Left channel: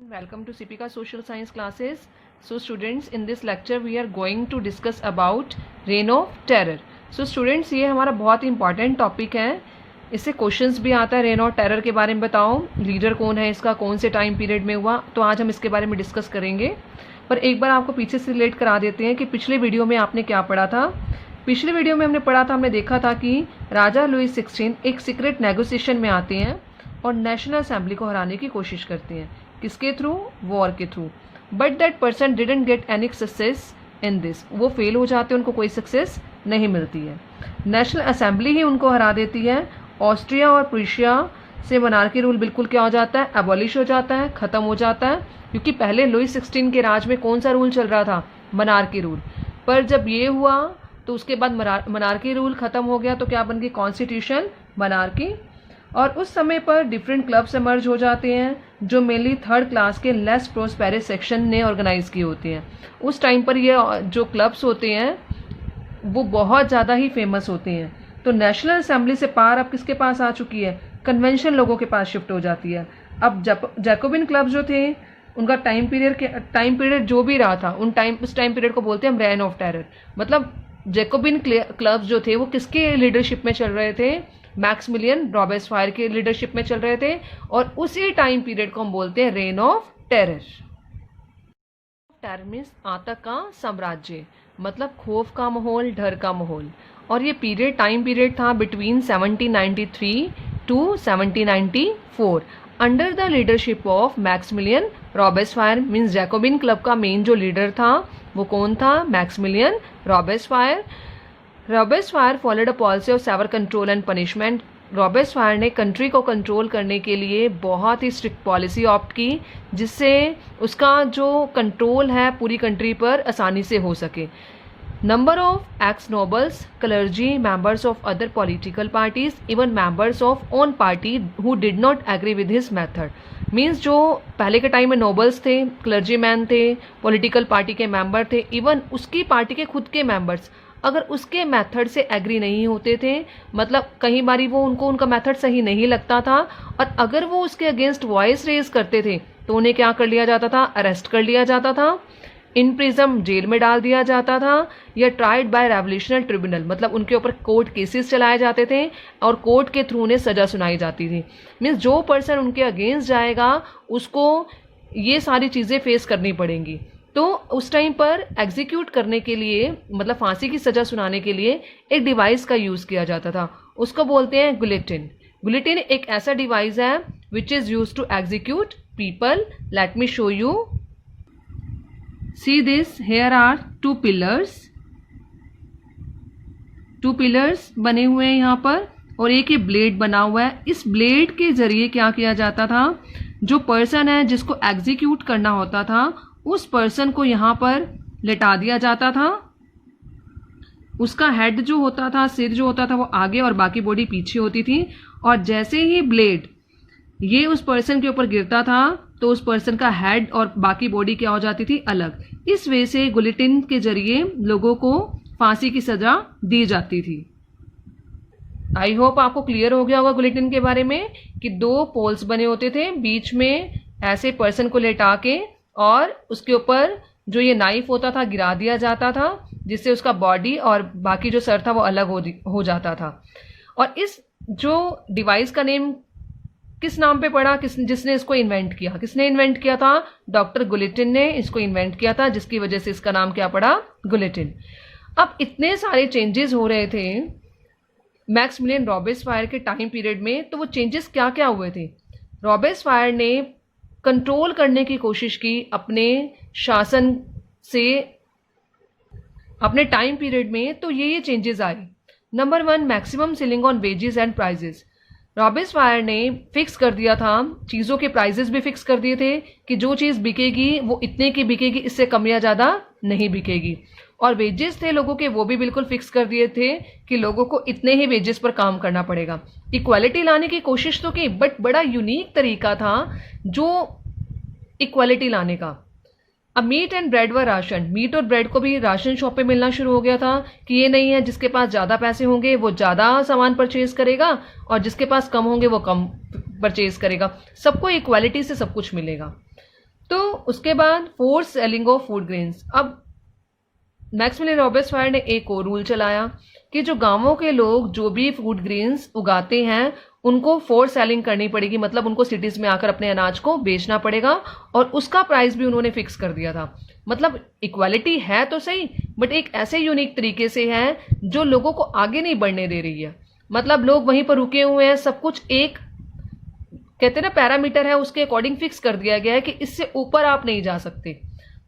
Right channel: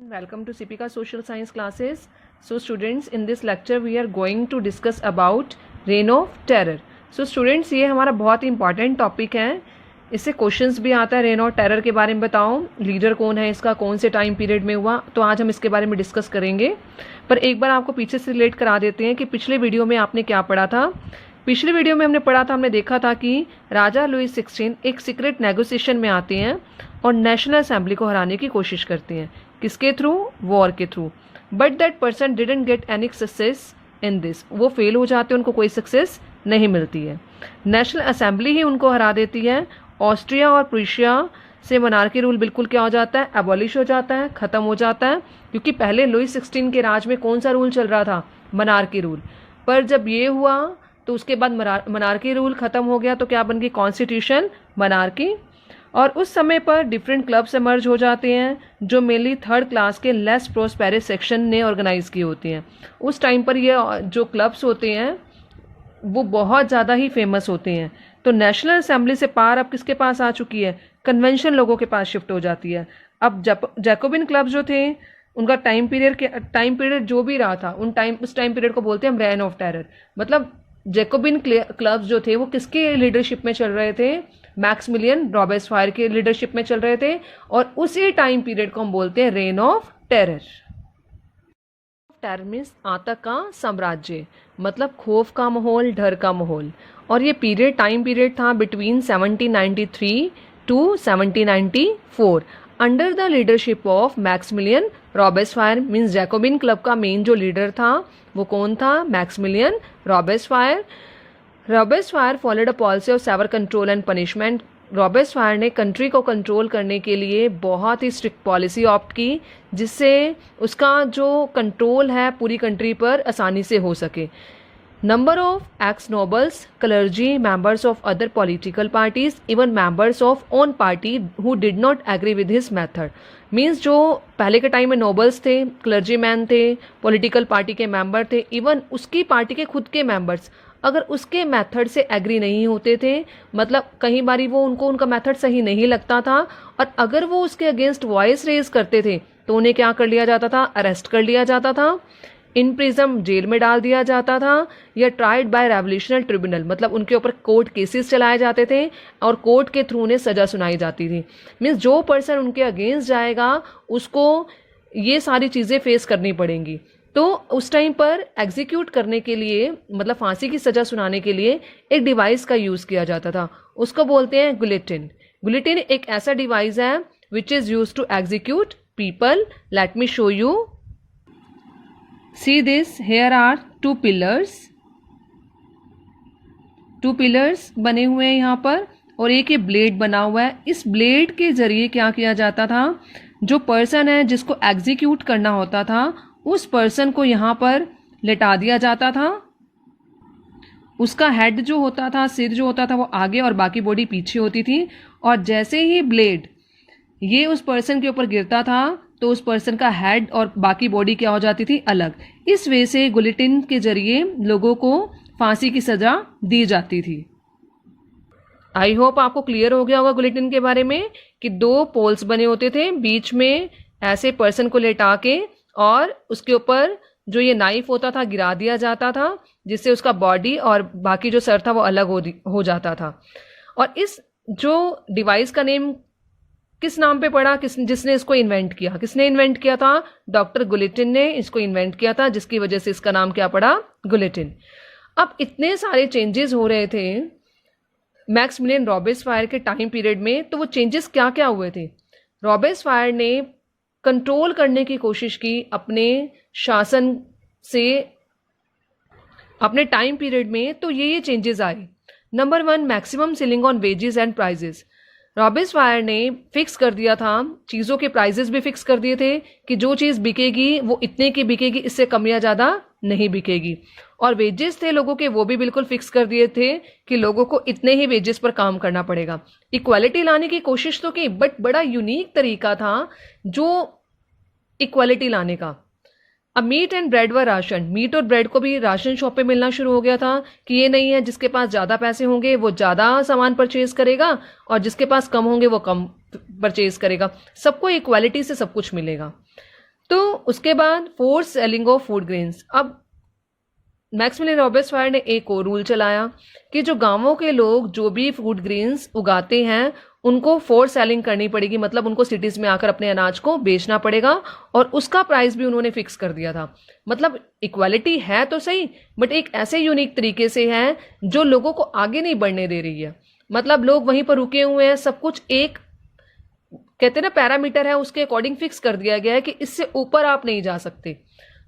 Welcome to Sipika Social Science classes. So students, in this lecture we are going to discuss about Reign of Terror. So students, ये हमारा बहुत ही important topic है. इससे questions भी आता है. Rain of terror के बारे में बताओ, लीडर कौन है इसका, कौन से टाइम पीरियड में हुआ. तो आज हम इसके बारे में डिस्कस करेंगे. पर एक बार आपको पीछे से रिलेट करा देते हैं कि पिछले वीडियो में आपने क्या पढ़ा था. पिछले वीडियो में हमने पढ़ा था, हमने देखा था कि राजा लुई 16 एक सीक्रेट नेगोशिएशन में आते हैं और नेशनल असेंबली को हराने की कोशिश करते हैं. किसके थ्रू? वॉर के through. But that person didn't get any success in this. वो फेल हो जाते हैं, उनको कोई सक्सेस नहीं मिलती है. नेशनल असेंबली ही उनको हरा देती है. ऑस्ट्रिया और प्रूशिया से मोनार्की रूल बिल्कुल क्या हो जाता है? एबॉलिश हो जाता है, खत्म हो जाता है. क्योंकि पहले लुई 16 के राज में कौन सा रूल चल रहा था? Monarchy rule. पर जब ये हुआ तो उसके बाद मोनार्की रूल खत्म हो गया, तो क्या बन गई? Constitution monarchy. और उस समय पर डिफरेंट क्लब्स एमर्ज हो जाते हैं जो मेनली थर्ड क्लास के लेस प्रोस्पेरस सेक्शन ने ऑर्गेनाइज किए होते हैं. उस टाइम पर ये जो क्लब्स होते हैं वो बहुत ज़्यादा ही फेमस होते हैं. तो नेशनल असेंबली से पार अब किसके पास आ चुकी है? कन्वेंशन लोगों के पास शिफ्ट हो जाती है. अब जैकोबिन क्लब जो थे उनका टाइम पीरियड जो भी रहा था उस टाइम पीरियड को बोलते हैं हम रेन ऑफ टेरर. मतलब जैकोबिन क्लब्स जो थे वो किसके लीडरशिप में चल रहे थे? मैक्सिमिलियन रॉबेस्पायर के लीडरशिप में चल रहे थे. और उसी टाइम पीरियड को हम बोलते हैं rain of terror. Terror means आतंक का साम्राज्य, मतलब खौफ का माहौल, डर का माहौल. और ये टाइम पीरियड था between 1793 to 1794 under the leadership of Maximilien Robespierre. Means Jacobin club का मेन जो लीडर था वो कौन था? Maximilien Robespierre. Robespierre followed a policy of severe control and punishment. Robespierre ने कंट्री को कंट्रोल करने के लिए बहुत ही स्ट्रिक्ट पॉलिसी ऑप्ट की, जिससे उसका जो कंट्रोल है पूरी कंट्री पर आसानी से हो सके. Number of ex nobles, clergy, members of other political parties, even members of own party who did not agree with his method. Means जो पहले के टाइम में नोबल्स थे, क्लर्जी मैन थे, पॉलिटिकल पार्टी के मेंबर थे, इवन उसकी party के खुद के मेंबर्स अगर उसके मेथड से एग्री नहीं होते थे, मतलब कई बारी वो उनका मेथड सही नहीं लगता था, और अगर वो उसके अगेंस्ट वॉइस रेज करते थे तो उन्हें क्या कर लिया जाता था? अरेस्ट कर लिया जाता था, इन प्रिजन जेल में डाल दिया जाता था, या ट्राइड बाय रेवोल्यूशनल ट्रिब्यूनल, मतलब उनके ऊपर कोर्ट केसेस चलाए जाते थे और कोर्ट के थ्रू उन्हें सजा सुनाई जाती थी. मीन्स जो पर्सन उनके अगेंस्ट जाएगा उसको ये सारी चीजें फेस करनी पड़ेंगी. तो उस टाइम पर एग्जीक्यूट करने के लिए, मतलब फांसी की सजा सुनाने के लिए एक डिवाइस का यूज किया जाता था. उसको बोलते हैं गुलेटिन. गुलेटिन एक ऐसा डिवाइस है which is use to execute people. Let me show you. See this, here are two pillars बने हुए हैं यहाँ पर, और एक ये ब्लेड बना हुआ है. इस ब्लेड के जरिए क्या किया जाता था? जो पर्सन है जिसको एग्जीक्यूट करना होता था उस पर्सन को यहाँ पर लेटा दिया जाता था. उसका हेड जो होता था, सिर जो होता था वो आगे और बाकी बॉडी पीछे होती थी. और जैसे ही ब्लेड ये उस पर्सन के ऊपर गिरता था तो उस पर्सन का हेड और बाकी बॉडी क्या हो जाती थी? अलग. इस वजह से गुलेटिन के जरिए लोगों को फांसी की सजा दी जाती थी. आई होप आपको क्लियर हो गया होगा गुलेटिन के बारे में कि दो पोल्स बने होते थे, बीच में ऐसे पर्सन को लेटा के और उसके ऊपर जो ये नाइफ होता था गिरा दिया जाता था, जिससे उसका बॉडी और बाकी जो सर था वो अलग हो जाता था. और इस जो डिवाइस का नेम किस नाम पे पड़ा? जिसने इसको इन्वेंट किया? किसने इन्वेंट किया था? डॉक्टर गुलेटिन ने इसको इन्वेंट किया था, जिसकी वजह से इसका नाम क्या पड़ा? गुलेटिन. अब इतने सारे चेंजेस हो रहे थे मैक्सिमिलियन रॉबेस्पायर के टाइम पीरियड में, तो वो चेंजेस क्या क्या हुए थे? रॉबेस्पायर ने कंट्रोल करने की कोशिश की अपने शासन से अपने टाइम पीरियड में. तो ये चेंजेस आए. Number 1, maximum ceiling on wages and prices. Robespierre ने फिक्स कर दिया था, चीजों के प्राइजेस भी फिक्स कर दिए थे कि जो चीज बिकेगी वो इतने की बिकेगी, इससे कम या ज्यादा नहीं बिकेगी. और वेजेस थे लोगों के, वो भी बिल्कुल फिक्स कर दिए थे कि लोगों को इतने ही वेजेस पर काम करना पड़ेगा. इक्वालिटी लाने की कोशिश तो की, बट बड़ा यूनिक तरीका था जो इक्वालिटी लाने का. अब मीट एंड ब्रेड व राशन. मीट और ब्रेड को भी राशन शॉप पे मिलना शुरू हो गया था कि ये नहीं है जिसके पास ज्यादा पैसे होंगे वो ज्यादा सामान परचेज करेगा और जिसके पास कम होंगे वो कम परचेज करेगा. सबको इक्वालिटी से सब कुछ मिलेगा. तो उसके बाद force selling of food grains. अब मैक्सिमिलियन रॉबर्ट्सफायर ने एक और रूल चलाया कि जो गांवों के लोग जो भी फूड ग्रेन्स उगाते हैं उनको फोर्स सेलिंग करनी पड़ेगी, मतलब उनको सिटीज में आकर अपने अनाज को बेचना पड़ेगा, और उसका प्राइस भी उन्होंने फिक्स कर दिया था। मतलब इक्वालिटी है तो सही, बट एक ऐसे यूनिक तरीके से है जो लोगों को आगे नहीं बढ़ने दे रही है। मतलब लोग वहीं पर रुके हुए हैं, सब कुछ एक कहते हैं ना पैरामीटर है, उसके अकॉर्डिंग फिक्स कर दिया गया है कि इससे ऊपर आप नहीं जा सकते।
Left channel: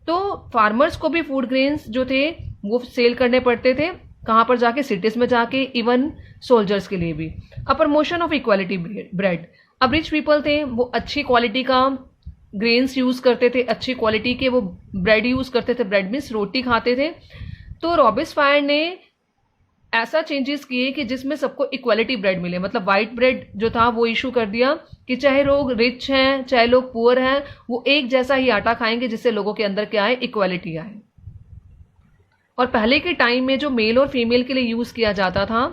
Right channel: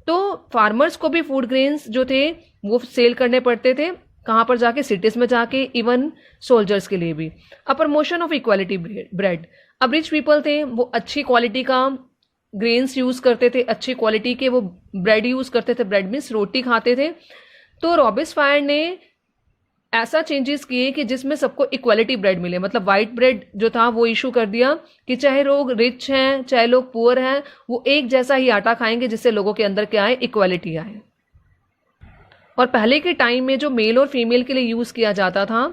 तो फार्मर्स को भी फूड ग्रेन्स जो थे वो सेल करने पड़ते थे, कहां पर जाके, सिटीज में जाके, इवन सोल्जर्स के लिए भी। अब प्रमोशन ऑफ इक्वालिटी ब्रेड। अब रिच पीपल थे, वो अच्छी क्वालिटी का ग्रेन्स यूज करते थे, अच्छी क्वालिटी के वो ब्रेड यूज करते थे, ब्रेड मीन्स रोटी खाते थे। तो रॉबर्ट्सफायर ने ऐसा चेंजेस किए कि जिसमें सबको इक्वालिटी ब्रेड मिले, मतलब व्हाइट ब्रेड जो था वो इशू कर दिया कि चाहे लोग रिच हैं चाहे लोग पुअर हैं, वो एक जैसा ही आटा खाएंगे, जिससे लोगों के अंदर क्या आए, इक्वालिटी आए। और पहले के टाइम में जो मेल और फीमेल के लिए यूज किया जाता था,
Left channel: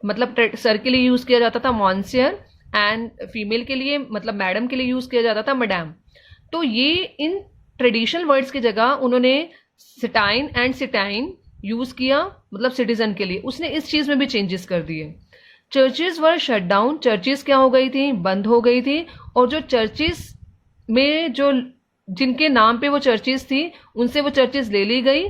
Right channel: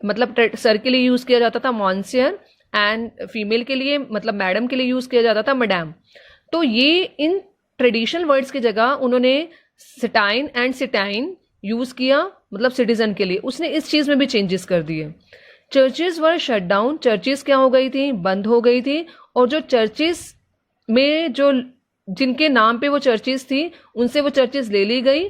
मतलब सर के लिए यूज किया जाता था मॉन्सियर, एंड फीमेल के लिए मतलब मैडम के लिए यूज किया जाता था मैडम। तो ये इन ट्रेडिशनल वर्ड्स की जगह उन्होंने सिटाइन एंड सिटाइन यूज किया, मतलब सिटीजन के लिए। उसने इस चीज में भी चेंजेस कर दिए। चर्चेज वर शट डाउन, चर्चेज क्या हो गई थी, बंद हो गई थी। और जो चर्चेज में जो जिनके नाम पे वो चर्चेज थी उनसे वो चर्चेज ले ली गई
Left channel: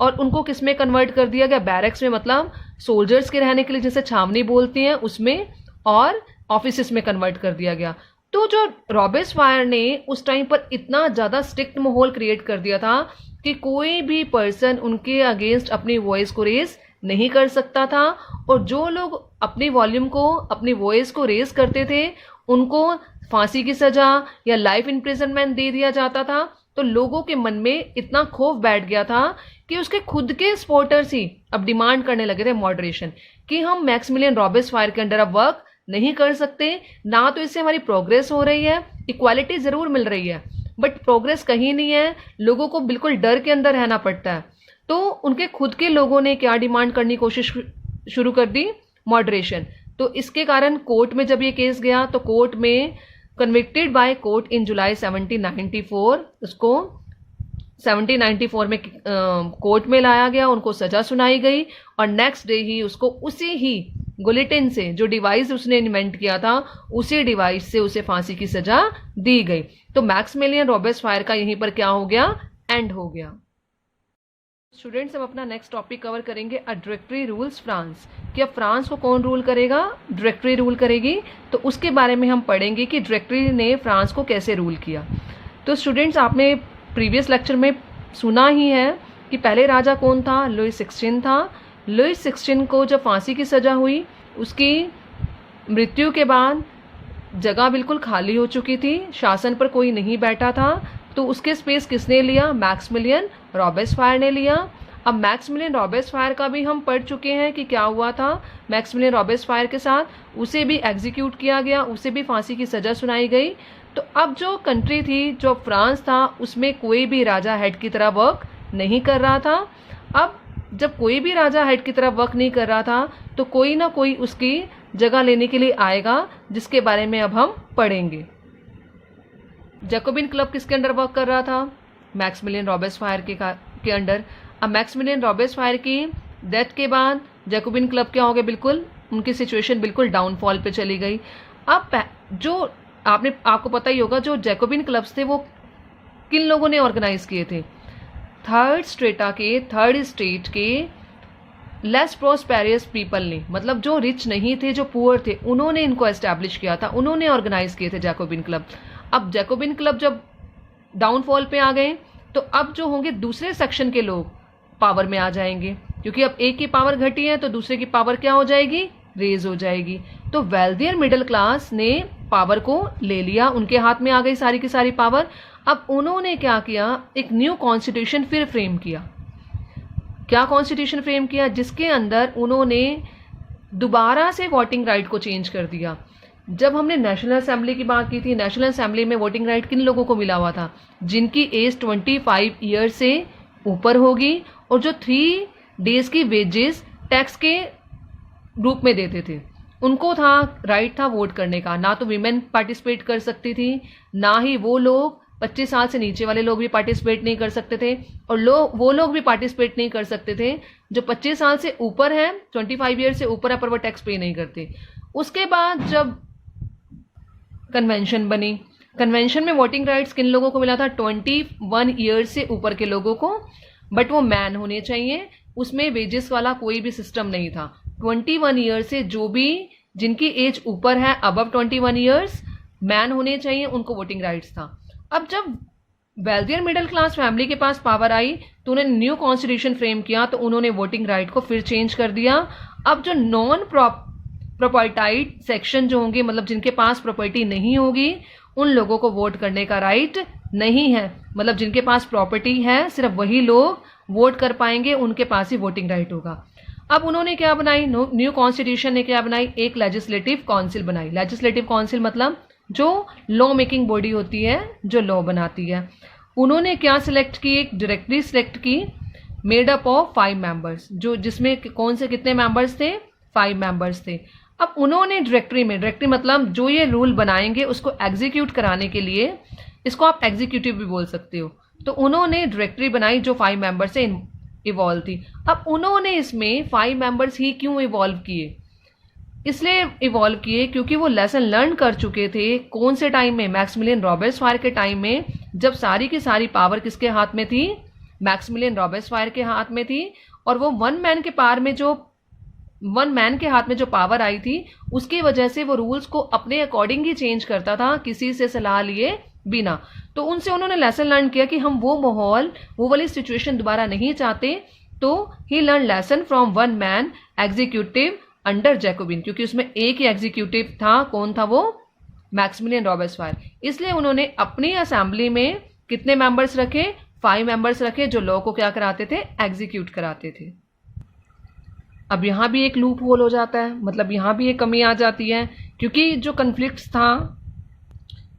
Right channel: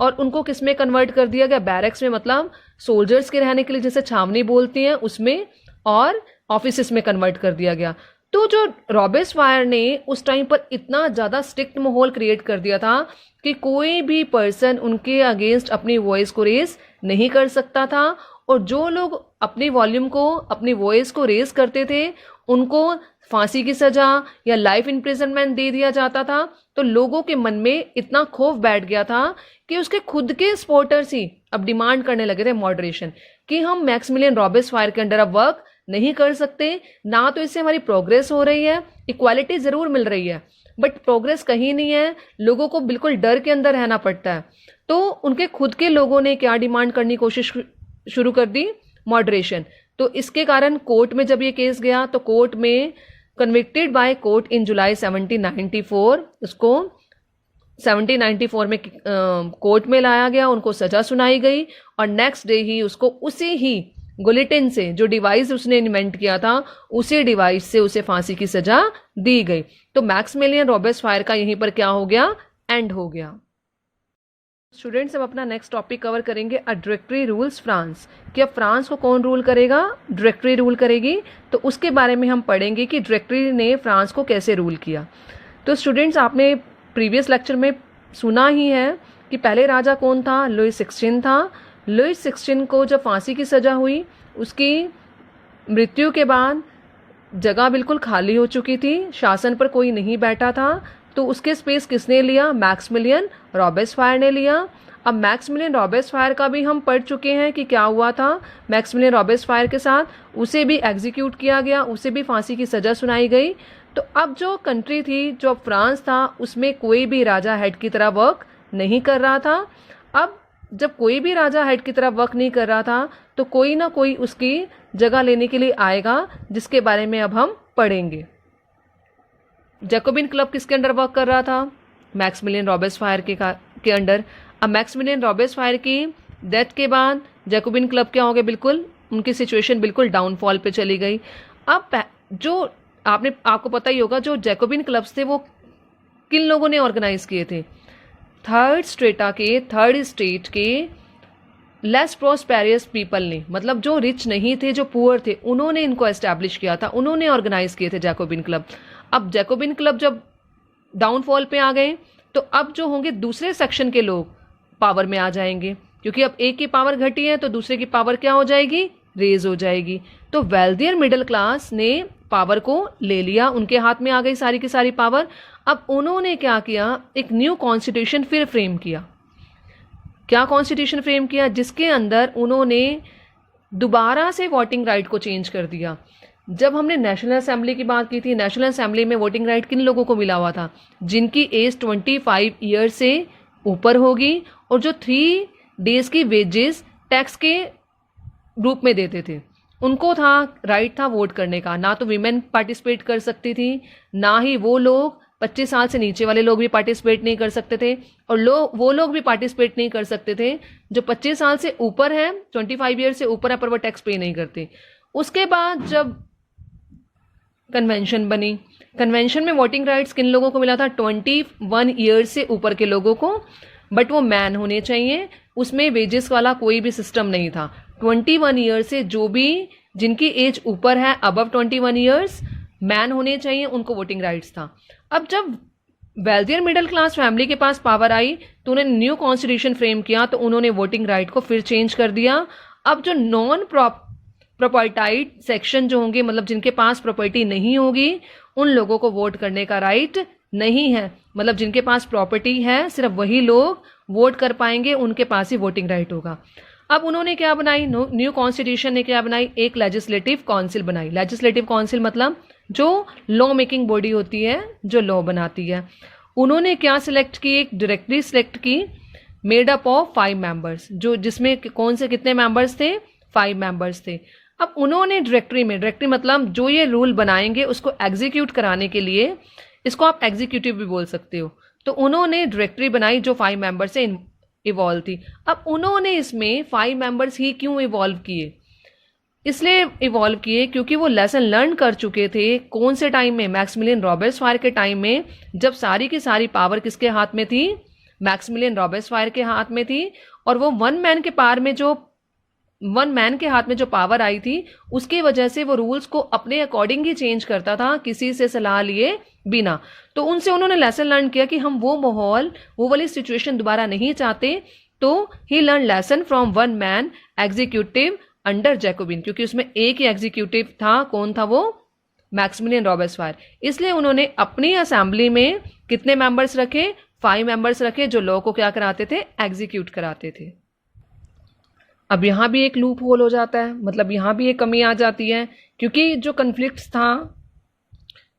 और उनको किस में कन्वर्ट कर दिया गया, बैरक्स में, मतलब सोल्जर्स के रहने के लिए जैसे छावनी बोलती हैं उसमें, और ऑफिसेस में कन्वर्ट कर दिया गया। तो जो रॉबर्ट्सफायर ने उस टाइम पर इतना ज्यादा स्ट्रिक्ट माहौल क्रिएट कर दिया था कि कोई भी पर्सन उनके अगेंस्ट अपनी वॉइस को रेज नहीं कर सकता था, और जो लोग अपनी वॉल्यूम को, अपनी वॉइस को रेज करते थे उनको फांसी की सजा या लाइफ इम्प्रिजनमेंट दे दिया जाता था। तो लोगों के मन में इतना खौफ बैठ गया था कि उसके खुद के सपोर्टर्स ही अब डिमांड करने लगे थे मॉडरेशन, कि हम मैक्सिमिलियन रॉबर्ट्सफायर के अंडर अब वर्क नहीं कर सकते, ना तो इससे हमारी प्रोग्रेस हो रही है, इक्वालिटी जरूर मिल रही है बट प्रोग्रेस कहीं नहीं है, लोगों को बिल्कुल डर के अंदर रहना पड़ता है। तो उनके खुद के लोगों ने क्या डिमांड करने की कोशिश शुरू कर दी, मॉडरेशन। तो इसके कारण कोर्ट में जब ये केस गया तो कोर्ट में कन्विक्टेड बाय कोर्ट इन जुलाई 1794, उसको 1794 में कोर्ट में लाया गया, उनको सजा सुनाई गई और नेक्स्ट डे ही उसको उसी ही गुलेटिन से, जो डिवाइस उसने इन्वेंट किया था उसी डिवाइस से उसे फांसी की सजा दी गई। तो मैक्सिमिलियन रॉबर्ट्सफायर का यहीं पर क्या हो गया, एंड हो गया। स्टूडेंट्स अब अपना नेक्स्ट टॉपिक कवर करेंगे, अ डायरेक्टरी रूल्स फ्रांस। कि अब फ्रांस को कौन रूल करेगा, डायरेक्टरी रूल करेगी। तो उसके बारे में हम पढ़ेंगे कि डायरेक्टरी ने फ्रांस को कैसे रूल किया। तो स्टूडेंट्स आपने प्रीवियस लेक्चर में सुना ही है कि पहले राजा कौन था, लुई 16 था। लुई 16 को जब फांसी की सजा हुई, उसकी मृत्यु के बाद जगह बिल्कुल खाली हो चुकी थी, शासन पर कोई नहीं बैठा था, तो उसके स्पेस किसने लिया, मैक्सिमिलियन रॉबर्ट्सफायर ने लिया। अब मैक्सिमिलियन रॉबर्ट्सफायर का भी हम पढ़ चुके हैं कि क्या हुआ था मैक्सिमिलियन रॉबर्ट्सफायर के साथ, उसे भी एग्जीक्यूट किया गया, उसे भी फांसी की सजा सुनाई गई। तो अब जो कंट्री थी, जो फ्रांस था, उसमें कोई भी राजा हेड की तरह वर्क नहीं कर रहा था। अब जब कोई भी राजा हेड की तरह वर्क नहीं कर रहा था तो कोई ना कोई उसकी जगह लेने के लिए आएगा, जिसके बारे में अब हम पढ़ेंगे। जैकोबिन क्लब किसके अंडर वर्क कर रहा था, मैक्सिमिलियन रॉबर्ट्सफायर के अंडर। अब मैक्सिमिलियन रॉबर्ट्सफायर की डेथ के बाद जैकोबिन क्लब क्या हो गया, बिल्कुल उनकी सिचुएशन बिल्कुल डाउनफॉल पे चली गई। अब जो आपको पता ही होगा, जो जैकोबिन क्लब्स थे वो किन लोगों ने ऑर्गेनाइज किए थे, थर्ड स्टेट के लेस प्रोस्पेरियस पीपल ने, मतलब जो रिच नहीं थे, जो पुअर थे, उन्होंने इनको एस्टैब्लिश किया था, उन्होंने ऑर्गेनाइज किए थे जैकोबिन क्लब। अब जैकोबिन क्लब जब डाउनफॉल पे आ गए तो अब जो होंगे दूसरे सेक्शन के लोग पावर में आ जाएंगे, क्योंकि अब एक की पावर घटी है तो दूसरे की पावर क्या हो जाएगी, रेज हो जाएगी। तो वेल्थियर मिडिल क्लास ने पावर को ले लिया, उनके हाथ में आ गई सारी की सारी पावर। अब उन्होंने क्या किया, एक न्यू कॉन्स्टिट्यूशन फिर फ्रेम किया। क्या कॉन्स्टिट्यूशन फ्रेम किया, जिसके अंदर उन्होंने दोबारा से वोटिंग राइट को चेंज कर दिया। जब हमने नेशनल असेंबली की बात की थी, नेशनल असेंबली में वोटिंग राइट किन लोगों को मिला हुआ था, जिनकी एज 25 ईयर से ऊपर होगी और जो 3 डेज की वेजेस टैक्स के रूप में देते थे, उनको था राइट था वोट करने का। ना तो वीमेन पार्टिसिपेट कर सकती थी, ना ही वो लोग 25 साल से नीचे वाले लोग भी पार्टिसिपेट नहीं कर सकते थे, और वो लोग भी पार्टिसिपेट नहीं कर सकते थे जो 25 साल से ऊपर है, 25 ईयर से ऊपर है, पर वो टैक्स पे नहीं करते। उसके बाद जब कन्वेंशन बनी, कन्वेंशन में वोटिंग राइट्स किन लोगों को मिला था? 21 ईयर से ऊपर के लोगों को, बट वो मैन होने चाहिए, उसमें वेजेस वाला कोई भी सिस्टम नहीं था। 21 ईयर से जो भी जिनकी एज ऊपर है, अबव 21 ईयर्स, मैन होने चाहिए, उनको वोटिंग राइट्स था। अब जब वेल्थियर मिडिल क्लास फैमिली के पास पावर आई तो उन्होंने न्यू कॉन्स्टिट्यूशन फ्रेम किया, तो उन्होंने वोटिंग राइट को फिर चेंज कर दिया। अब जो नॉन प्रॉपर्टाइड सेक्शन जो होंगे, मतलब जिनके पास प्रॉपर्टी नहीं होगी, उन लोगों को वोट करने का राइट नहीं है। मतलब जिनके पास प्रॉपर्टी है सिर्फ वही लोग वोट कर पाएंगे, उनके पास ही वोटिंग राइट होगा। अब उन्होंने क्या बनाई, न्यू कॉन्स्टिट्यूशन ने क्या बनाई, एक लेजिस्लेटिव काउंसिल बनाई। लेजिस्लेटिव काउंसिल मतलब जो लॉ मेकिंग बॉडी होती है, जो लॉ बनाती है। उन्होंने क्या सिलेक्ट की, एक डायरेक्टरी सिलेक्ट की, मेड अप ऑफ 5 मेंबर्स, जो जिसमें कौन से कितने मेंबर्स थे, 5 मेंबर्स थे। अब उन्होंने डायरेक्टरी मतलब जो ये रूल बनाएंगे उसको एग्जीक्यूट कराने के लिए, इसको आप एग्जीक्यूटिव भी बोल सकते हो, तो उन्होंने डायरेक्टरी बनाई जो 5 मेंबर्स से इवॉल्व थी। अब उन्होंने इसमें 5 मेंबर्स ही क्यों इवॉल्व किए? इसलिए इवॉल्व किए क्योंकि वो लेसन लर्न कर चुके थे। कौन से टाइम में? मैक्सिमिलियन रॉबेस्पायर के टाइम में, जब सारी की सारी पावर किसके हाथ में थी? मैक्सिमिलियन रॉबेस्पायर के हाथ में थी। और वो वन मैन के हाथ में जो पावर आई थी, उसकी वजह से वो रूल्स को अपने अकॉर्डिंग ही चेंज करता था, किसी से सलाह लिए बिना। तो उनसे उन्होंने लेसन लर्न किया कि हम वो माहौल, वो वाली सिचुएशन दोबारा नहीं चाहते। तो ही learn lesson from one man executive under Jacobin, क्योंकि उसमें एक ही एग्जीक्यूटिव था। कौन था वो? Maximilien Robespierre. इसलिए उन्होंने अपनी असेंबली में कितने मेंबर्स रखे? 5 मेंबर्स रखे, जो लॉ को क्या कराते थे? एग्जीक्यूट कराते थे। अब यहां भी एक लूप होल हो जाता है, मतलब यहां भी एक कमी आ जाती है, क्योंकि जो कन्फ्लिक्ट था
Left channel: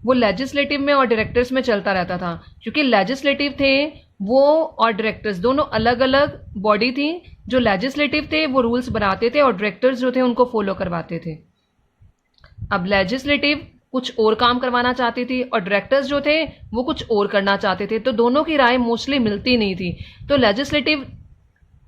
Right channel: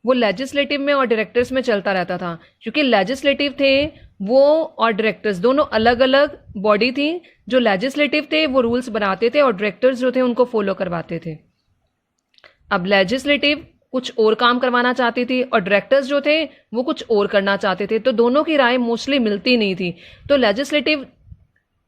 वो लेजिस्लेटिव में और डायरेक्टर्स में चलता रहता था। क्योंकि लेजिस्लेटिव थे वो और डायरेक्टर्स दोनों अलग अलग बॉडी थी। जो लेजिस्लेटिव थे वो रूल्स बनाते थे और डायरेक्टर्स जो थे उनको फॉलो करवाते थे। अब लेजिस्लेटिव कुछ और काम करवाना चाहती थी और डायरेक्टर्स जो थे वो कुछ और करना चाहते थे, तो दोनों की राय मोस्टली मिलती नहीं थी। तो लेजिस्लेटिव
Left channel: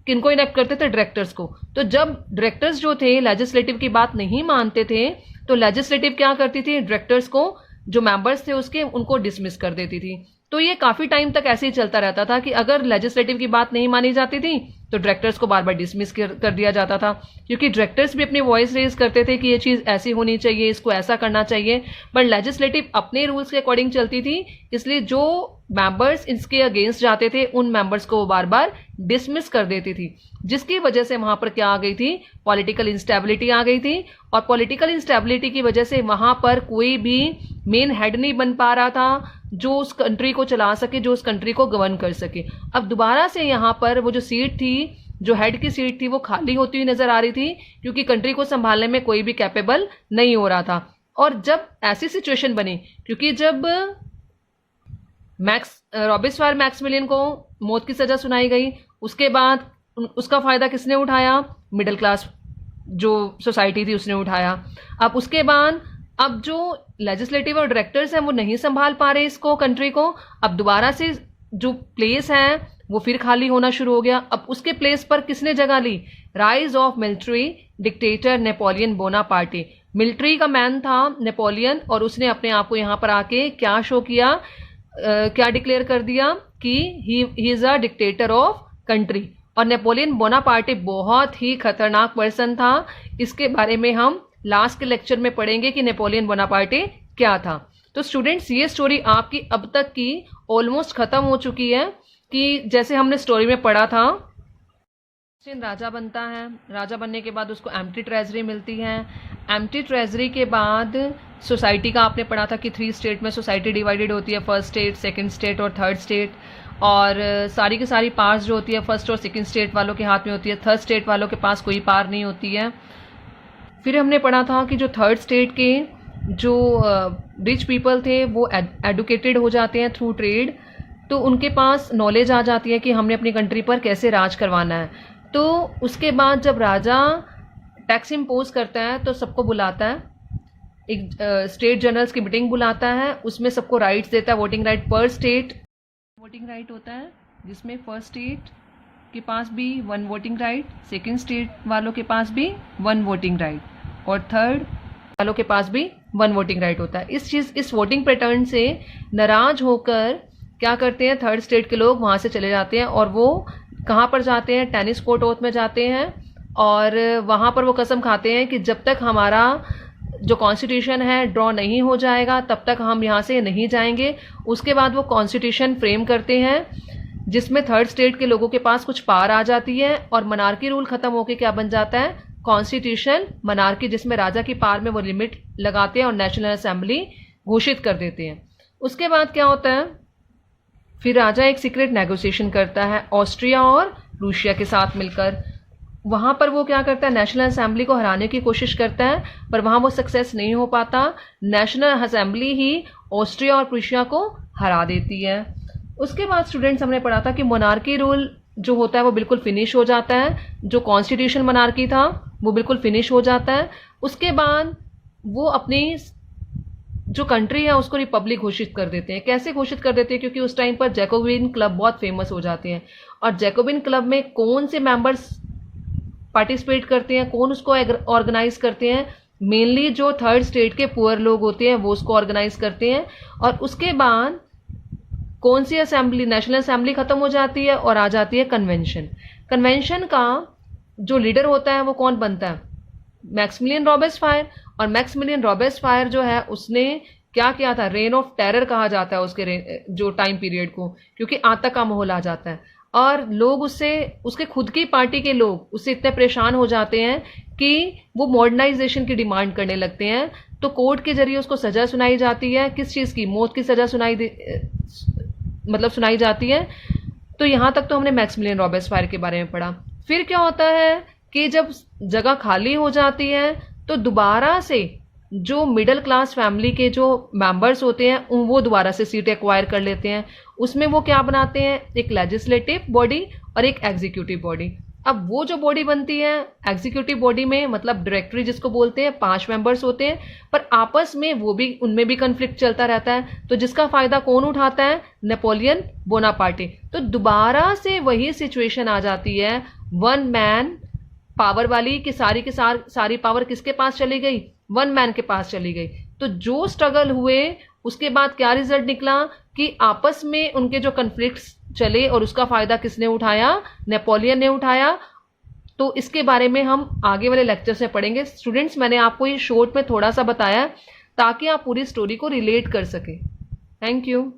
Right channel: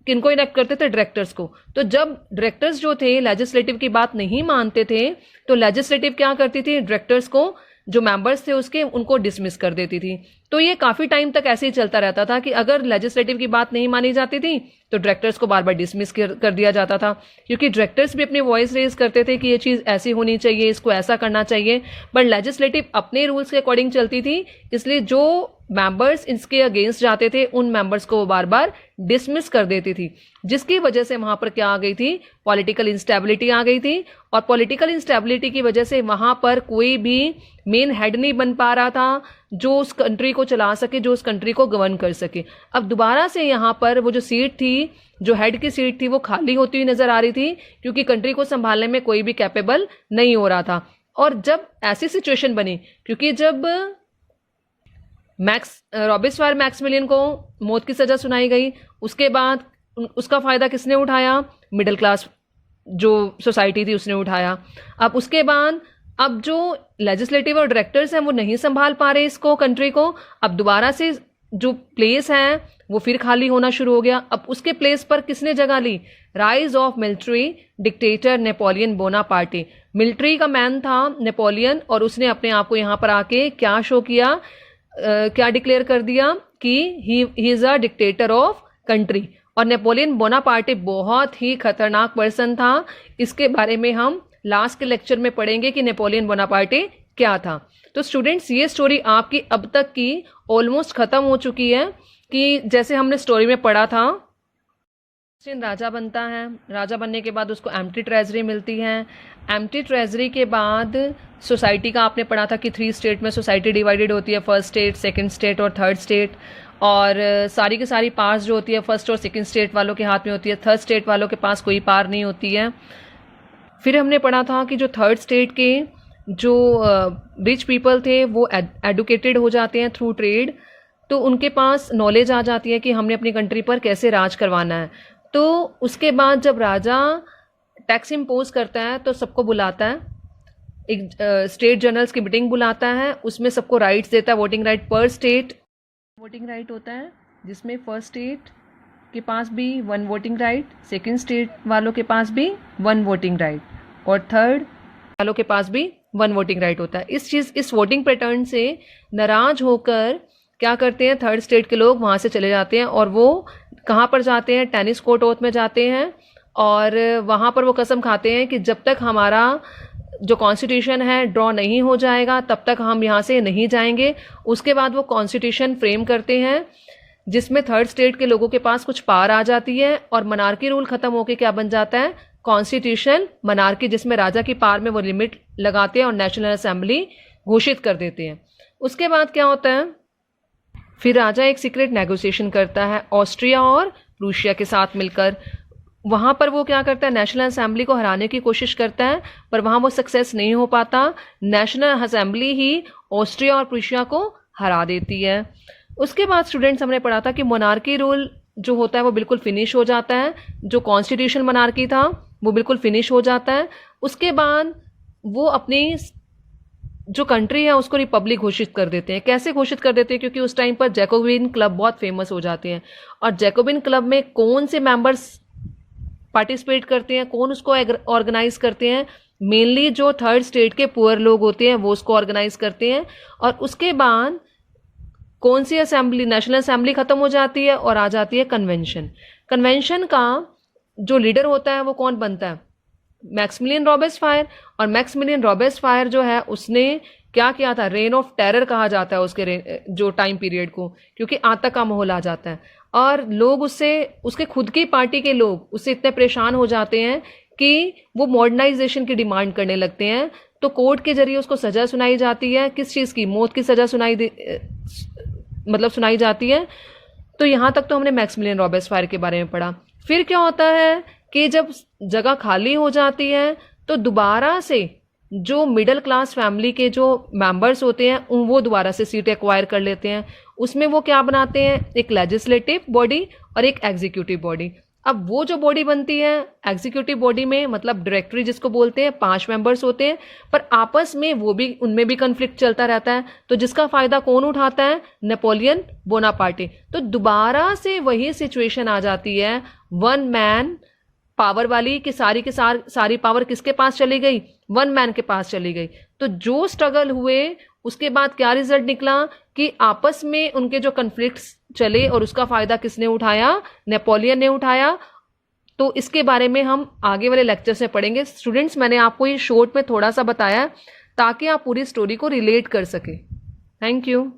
किनको इनेक्ट करते थे? डायरेक्टर्स को। तो जब डायरेक्टर्स जो थे लेजिस्लेटिव की बात नहीं मानते थे, तो लेजिस्लेटिव क्या करती थी? डायरेक्टर्स को, जो मेंबर्स थे उसके, उनको डिसमिस कर देती थी। तो ये काफी टाइम तक ऐसे ही चलता रहता था कि अगर लेजिस्लेटिव की बात नहीं मानी जाती थी तो डायरेक्टर्स को बार बार डिसमिस कर दिया जाता था, क्योंकि डायरेक्टर्स भी अपनी वॉइस रेज करते थे कि ये चीज ऐसी होनी चाहिए, इसको ऐसा करना चाहिए। बट लेजिस्लेटिव अपने रूल्स के अकॉर्डिंग चलती थी, इसलिए जो मेंबर्स इसके अगेंस्ट जाते थे उन मेंबर्स को वो बार बार डिसमिस कर देती थी, जिसकी वजह से वहां पर क्या आ गई थी? पॉलिटिकल इंस्टेबिलिटी आ गई थी। और पॉलिटिकल इंस्टेबिलिटी की वजह से वहां पर कोई भी मेन हेड नहीं बन पा रहा था जो उस कंट्री को चला सके, जो उस कंट्री को गवर्न कर सके। अब दोबारा से यहाँ पर वो जो सीट थी, जो हेड की सीट थी, वो खाली होती हुई नजर आ रही थी, क्योंकि कंट्री को संभालने में कोई भी कैपेबल नहीं हो रहा था। और जब ऐसी सिचुएशन बनी, क्योंकि जब रॉबेस्पायर मैक्सिमिलियन को मौत की सजा सुनाई गई, उसके बाद उसका फायदा किसने उठाया? मिडिल क्लास जो सोसाइटी थी उसने उठाया। अब उसके बाद अब जो लेजिस्लेटिव और डायरेक्टर्स हैं वो नहीं संभाल पा रहे इसको, कंट्री को। अब दोबारा से जो प्लेस है वो फिर खाली होना शुरू हो गया। अब उसके प्लेस पर किसने जगह ली? Rise of military dictator Napoleon Bonaparte. Military का मैन था नेपोलियन, और उसने अपने आप को यहाँ पर आके क्या शो किया, क्या डिक्लेयर कर दिया कि he is a dictator of country. और नेपोलियन बोनापार्टे बहुत ही खतरनाक पर्सन था। इसके बारे में हम लास्ट के लेक्चर में पढ़ेंगे कि नेपोलियन बोनापार्टे क्या था। तो स्टूडेंट्स, ये स्टोरी आपकी अब तक की ऑलमोस्ट खत्म हो चुकी है। कि जैसे हमने स्टोरी में पढ़ा था, राजा बनता है, राजा बनने के बाद उसको एम्प्टी ट्रेजरी मिलती है। एम्प्टी ट्रेजरी के बाद सोसाइटी का आपने पढ़ा था कि 3 स्टेट में सोसाइटी डिवाइडेड होती है, फर्स्ट स्टेट, सेकंड स्टेट और थर्ड स्टेट। और सारी की सारी पावर्स जो होती है फर्स्ट और सेकंड स्टेट वालों के हाथ में होती है, थर्ड स्टेट वालों के पास कोई पावर नहीं होती है। फिर हमने पढ़ा था कि जो थर्ड स्टेट के जो रिच पीपल थे वो एडुकेटेड हो जाते हैं थ्रू ट्रेड, तो उनके पास नॉलेज आ जाती है कि हमने अपनी कंट्री पर कैसे राज करवाना है। तो उसके बाद जब राजा टैक्स इम्पोज करता है तो सबको बुलाता है, एक स्टेट जनरल्स की मीटिंग बुलाता है, उसमें सबको राइट्स देता है, वोटिंग राइट पर स्टेट वोटिंग राइट होता है, जिसमें फर्स्ट स्टेट के पास भी 1 वोटिंग राइट, सेकंड स्टेट वालों के पास भी 1 वोटिंग राइट और थर्ड वालों के पास भी 1 वोटिंग राइट होता है। इस वोटिंग पैटर्न से नाराज होकर क्या करते हैं, थर्ड स्टेट के लोग वहां से चले जाते हैं और वो कहाँ पर जाते हैं, टेनिस कोर्ट ओथ में जाते हैं और वहां पर वो कसम खाते हैं कि जब तक हमारा जो कॉन्स्टिट्यूशन है ड्रॉ नहीं हो जाएगा तब तक हम यहाँ से नहीं जाएंगे। उसके बाद वो कॉन्स्टिट्यूशन फ्रेम करते हैं जिसमें थर्ड स्टेट के लोगों के पास कुछ पावर आ जाती है और मनार्की रूल खत्म होके क्या बन जाता है, कॉन्स्टिट्यूशन मनार्की, जिसमें राजा की पावर में वो लिमिट लगाते हैं और नेशनल असेंबली घोषित कर देते हैं। उसके बाद क्या होता है, फिर राजा एक सीक्रेट नेगोशिएशन करता है ऑस्ट्रिया और रूसिया के साथ मिलकर। वहां पर वो क्या करता है, नेशनल असेंबली को हराने की कोशिश करता है पर वहां वो सक्सेस नहीं हो पाता। नेशनल असेंबली ही ऑस्ट्रिया और प्रूशिया को हरा देती है। उसके बाद स्टूडेंट्स हमने पढ़ा था कि मोनार्की रूल जो होता है वो बिल्कुल फिनिश हो जाता है, जो कॉन्स्टिट्यूशन मोनार्की था वो बिल्कुल फिनिश हो जाता है। उसके बाद वो अपनी जो कंट्री है उसको रिपब्लिक घोषित कर देते हैं। कैसे घोषित कर देते हैं, क्योंकि उस टाइम पर जैकोबिन क्लब बहुत फेमस हो जाते हैं और जैकोबिन क्लब में कौन से मेंबर्स पार्टिसिपेट करते हैं, कौन उसको ऑर्गेनाइज करते हैं, मेनली जो थर्ड स्टेट के पुअर लोग होते हैं वो उसको ऑर्गेनाइज करते हैं। और उसके बाद कौन सी असेंबली, नेशनल असेंबली खत्म हो जाती है और आ जाती है कन्वेंशन। कन्वेंशन का जो लीडर होता है वो कौन बनता है, मैक्सिमिलियन रॉबेस्पायर। और मैक्सिमिलियन रॉबेस्पायर जो है उसने क्या किया था, रेन ऑफ टेरर कहा जाता है उसके जो टाइम पीरियड को, क्योंकि आतंक का माहौल आ जाता है और लोग उससे, उसके खुद की पार्टी के लोग उससे इतने परेशान हो जाते हैं कि वो मॉडर्नाइजेशन की डिमांड करने लगते हैं। तो कोर्ट के जरिए उसको सजा सुनाई जाती है, किस चीज की, मौत की सजा सुनाई जाती है। तो यहां तक तो हमने मैक्सिमिलियन रॉबेस्पायर के बारे में पढ़ा। फिर क्या होता है कि जब जगह खाली हो जाती है तो दोबारा से जो मिडिल क्लास फैमिली के जो मेंबर्स होते हैं वो दोबारा से सीट एक्वायर कर लेते हैं। उसमें वो क्या बनाते हैं, एक लेजिस्लेटिव बॉडी और एक एग्जीक्यूटिव बॉडी। अब वो जो बॉडी बनती है एग्जीक्यूटिव बॉडी में, मतलब डायरेक्टरी जिसको बोलते हैं, 5 मेंबर्स होते हैं, पर आपस में वो भी, उनमें भी कन्फ्लिक्ट चलता रहता है। तो जिसका फायदा कौन उठाता है, नेपोलियन बोनापार्टी। तो दोबारा से वही सिचुएशन आ जाती है, 1 मैन पावर वाली, कि सारी पावर किसके पास चली गई, 1 मैन के पास चली गई। तो जो स्ट्रगल हुए उसके बाद क्या रिजल्ट निकला कि आपस में उनके जो कन्फ्लिक्ट्स चले और उसका फायदा किसने उठाया, नेपोलियन ने उठाया। तो इसके बारे में हम आगे वाले लेक्चर से पढ़ेंगे। स्टूडेंट्स, मैंने आपको ये शॉर्ट में थोड़ा सा बताया ताकि आप पूरी स्टोरी को रिलेट कर सके। Thank you.